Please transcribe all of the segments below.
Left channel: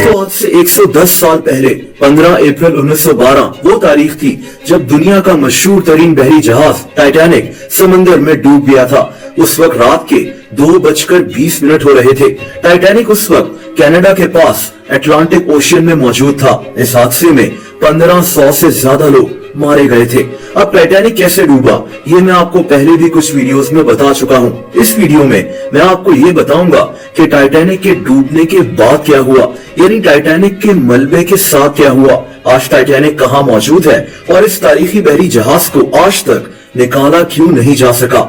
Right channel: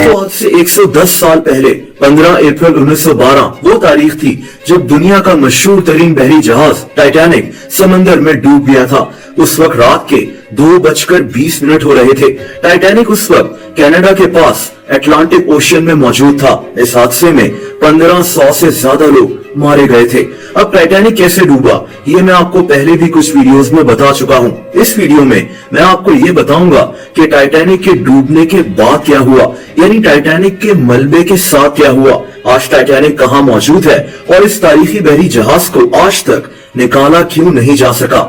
दोस्तों आज से 110 साल पहले 15 अप्रैल 1912 वो तारीख थी जब दुनिया का मशहूर तरीन बहरी जहाज टाइटैनिक समंदर में डूब गया था। उस वक्त रात के 2:20 हो रहे थे। टाइटैनिक उस वक्त कनाडा के पास अटलांटिक ओशियन में मौजूद था। इस हादसे में 1500 से ज्यादा लोग मारे गए थे। अब टाइटैनिक कैसे डूबा ये मैं आपको पहले भी कुछ वीडियोस में बता चुका हूँ। इस वीडियो में मैं आपको ये बताऊंगा कि टाइटैनिक के डूबने के बाद क्या हुआ, यानी टाइटैनिक के मलबे के साथ क्या हुआ, आज टाइटैनिक कहाँ मौजूद है और इस तारीखी बहरी जहाज को आज तक निकाला क्यों नहीं जा सका।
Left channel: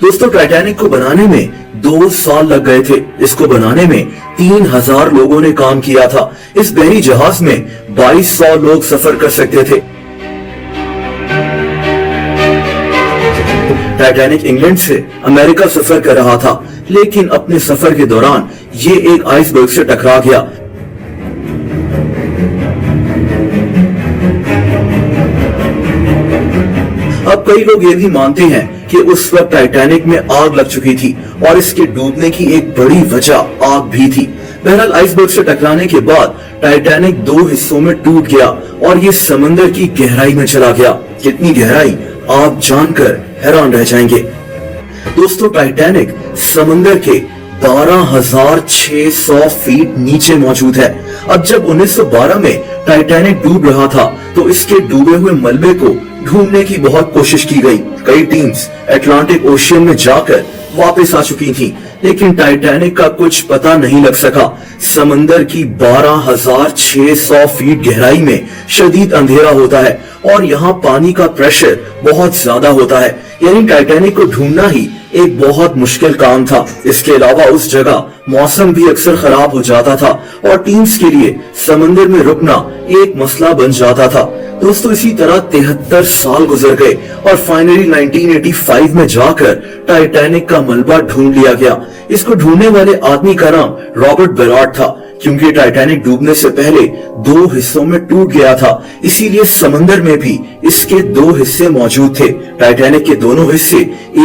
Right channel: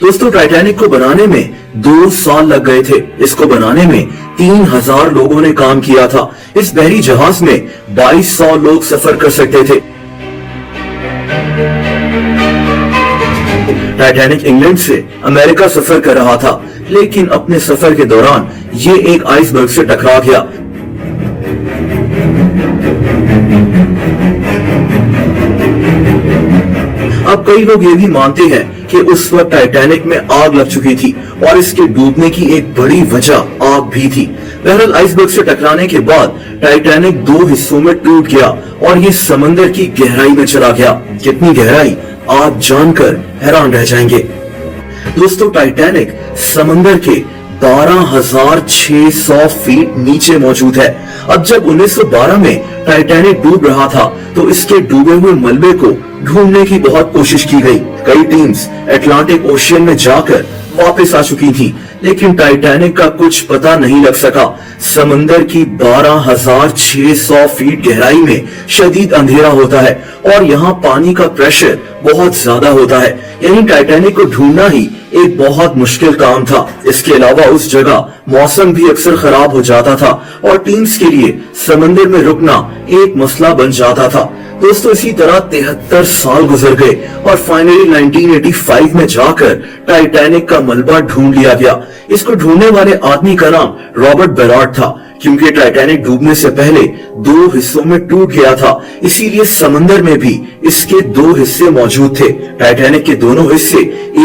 दोस्तों टाइटैनिक को बनाने में 2 साल लग गए थे। इसको बनाने में 3000 लोगों ने काम किया था। इस बहरी जहाज में 2200 लोग सफर कर सकते थे। टाइटैनिक इंग्लैंड से अमेरिका सफर कर रहा था, लेकिन अपने सफर के दौरान ये एक आइसबर्ग से टकरा गया। अब कई लोग ये भी मानते हैं कि उस वक्त टाइटैनिक में आग लग चुकी थी और इसके डूबने की एक बड़ी वजह आग भी थी। बहरहाल आइसबर्ग से टकराने के बाद टाइटैनिक 2 हिस्सों में टूट गया और ये समंदर की गहराई में चला गया। कितनी गहराई आप जानकर हैरान रह जाएंगे। दोस्तों टाइटैनिक समंदर के 12,600 फीट नीचे मौजूद है। अब जब 1912 में टाइटैनिक डूब रहा था तो इसके डूबे हुए मलबे को ढूंढने की बहुत कोशिश की गई। कई टीम्स अटलांटिक ओशियन में जाकर वापस आ चुकी थी, लेकिन टाइटैनिक का कुछ पता नहीं लग सका। समंदर की 12,600 फीट गहराई में शदीद अंधेरा होता है और यहाँ पानी का प्रेशर बहुत ज्यादा होता है, यानी टाइटैनिक को ढूंढना ही एक बहुत मुश्किल काम था। इसके अलावा उस जगह मौसम भी अक्सर खराब हो जाता था और टीम्स के लिए समंदर में रुकना एक मसला बन जाता था। दोस्तों इसी तरह 73 साल गुजर गए और फाइनली 1985 में जाकर टाइटैनिक का मलबा ढूंढ लिया गया। इसको ढूंढने वाले आदमी का नाम रॉबर्ट बेलार्ड था। क्योंकि टाइटैनिक डूबने से पहले 2 हिस्सों में टूट गया था, इसीलिए समंदर में भी इसके 2 हिस्से मौजूद थे। टाइटैनिक के दोनों हिस्से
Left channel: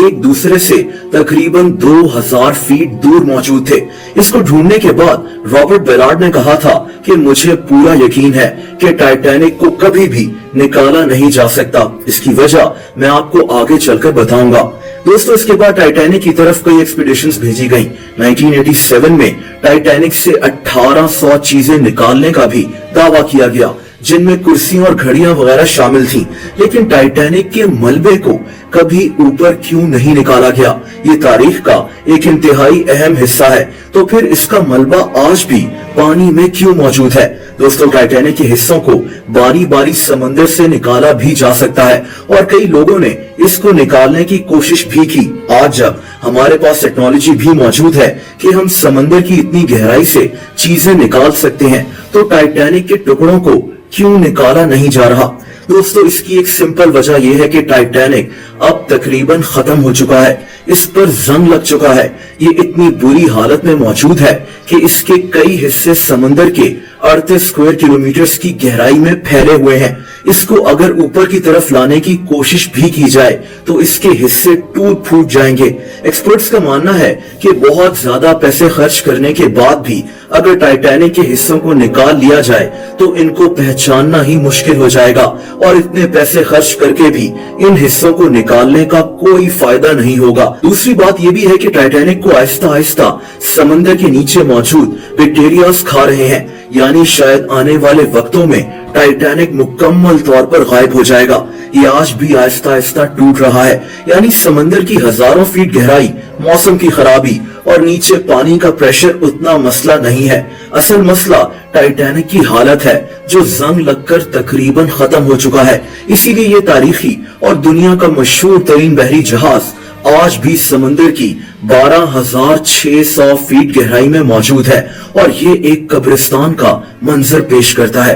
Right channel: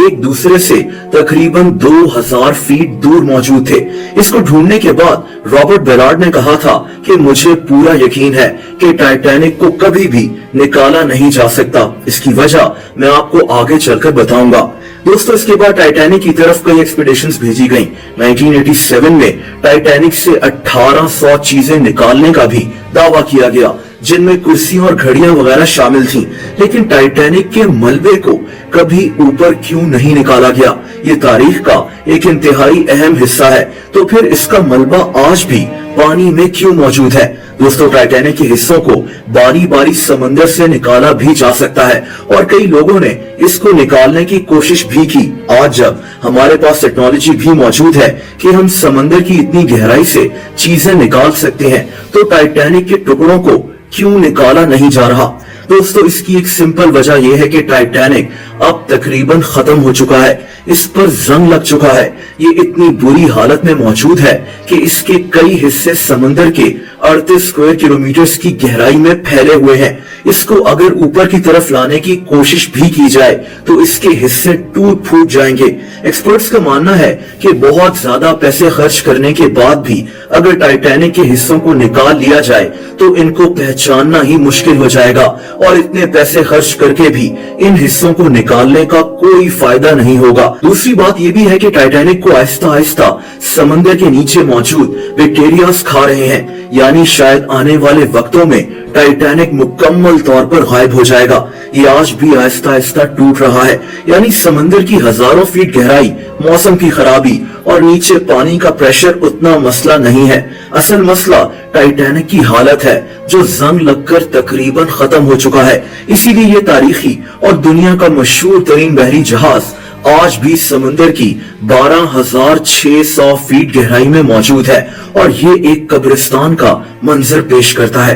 एक दूसरे से तकरीबन 2000 फीट दूर मौजूद थे। इसको ढूंढने के बाद रॉबर्ट बेलार्ड ने कहा था कि मुझे पूरा यकीन है कि टाइटैनिक को कभी भी निकाला नहीं जा सकता। इसकी वजह मैं आपको आगे चलकर बताऊंगा। दोस्तों इसके बाद टाइटैनिक की तरफ कई एक्सपीडिशंस भेजी गईं। 1987 में टाइटैनिक से 1800 चीजें निकालने का भी दावा किया गया, जिनमें कुर्सियां और घड़ियां वगैरह शामिल थीं। लेकिन टाइटैनिक के मलबे को कभी ऊपर क्यों नहीं निकाला गया, ये तारीख का एक इंतहाई अहम हिस्सा है। तो फिर इसका मलबा आज भी पानी में क्यों मौजूद है। दोस्तों टाइटैनिक के हिस्सों को बारी बारी समंदर से निकाला भी जा सकता है और कई लोगों ने इसको निकालने की कोशिश भी की। आज जब हमारे पास टेक्नोलॉजी भी मौजूद है कि हम समंदर की इतनी गहराई से चीजें निकाल सकते हैं, तो टाइटैनिक के टुकड़ों को क्यों निकाला नहीं जा रहा। दोस्तों इसकी एक सिंपल वजह यह है कि टाइटैनिक अब तकरीबन खत्म हो चुका है। इस पर जंग लग चुका है। ये इतनी बुरी हालत में मौजूद है कि इसके कई हिस्से समंदर के 38 स्क्वायर किलोमीटर की गहराई में फैले हुए हैं। इसको अगर ऊपर की तरफ लाने की कोशिश भी की जाए तो इसके हिस्से टूट फूट जाएंगे। एक्सपर्ट्स का मानना है कि बहुत ज्यादा पैसे खर्च करने के बाद भी अगर टाइटैनिक के हिस्सों को निकाल लिया जाए तो इनको पहचानना ही मुश्किल हो जाएगा और इतने पैसे खर्च करके भी इन हिस्सों को निकालने का कोई फायदा नहीं होगा। दूसरी बात यह भी है कि टाइटैनिक को आहिस्ता आहिस्ता समंदर के नीचे मौजूद बैक्टीरियाज खा रहे हैं, यानी शायद आने वाले वक्तों में टाइटैनिक मुकम्मल तौर पर गायब हो जाएगा। ये आज भी आहिस्ता आहिस्ता टूट रहा है, यानी समंदर की हजारों फीट गहराई, मौसम की खराबी और नीचे पानी का प्रेशर उतना मसला नहीं है। असल मसला टाइटैनिक की हालत है जो जंग लगकर तकरीबन खत्म हो चुका है। इसीलिए ये तारीखी और दुनिया का मशहूर तरीन बहरी जहाज आज भी समंदर की 12,600 फीट गहराई में मौजूद है और ये एक कब्रिस्तान का मंजर पेश करता है।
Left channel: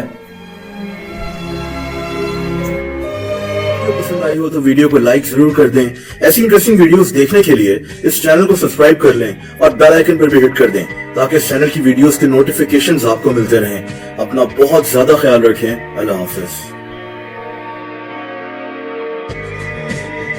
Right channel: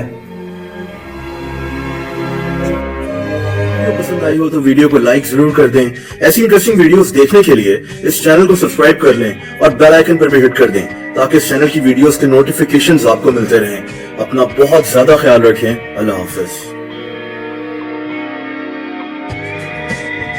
वीडियो पसंद आई हो तो वीडियो को लाइक जरूर कर दें। ऐसी इंटरेस्टिंग वीडियोस देखने के लिए इस चैनल को सब्सक्राइब कर लें और बेल आइकन पर भी हिट कर दें ताकि इस चैनल की वीडियोस के नोटिफिकेशंस आपको मिलते रहें। अपना बहुत ज्यादा ख्याल रखें। अल्लाह हाफिज।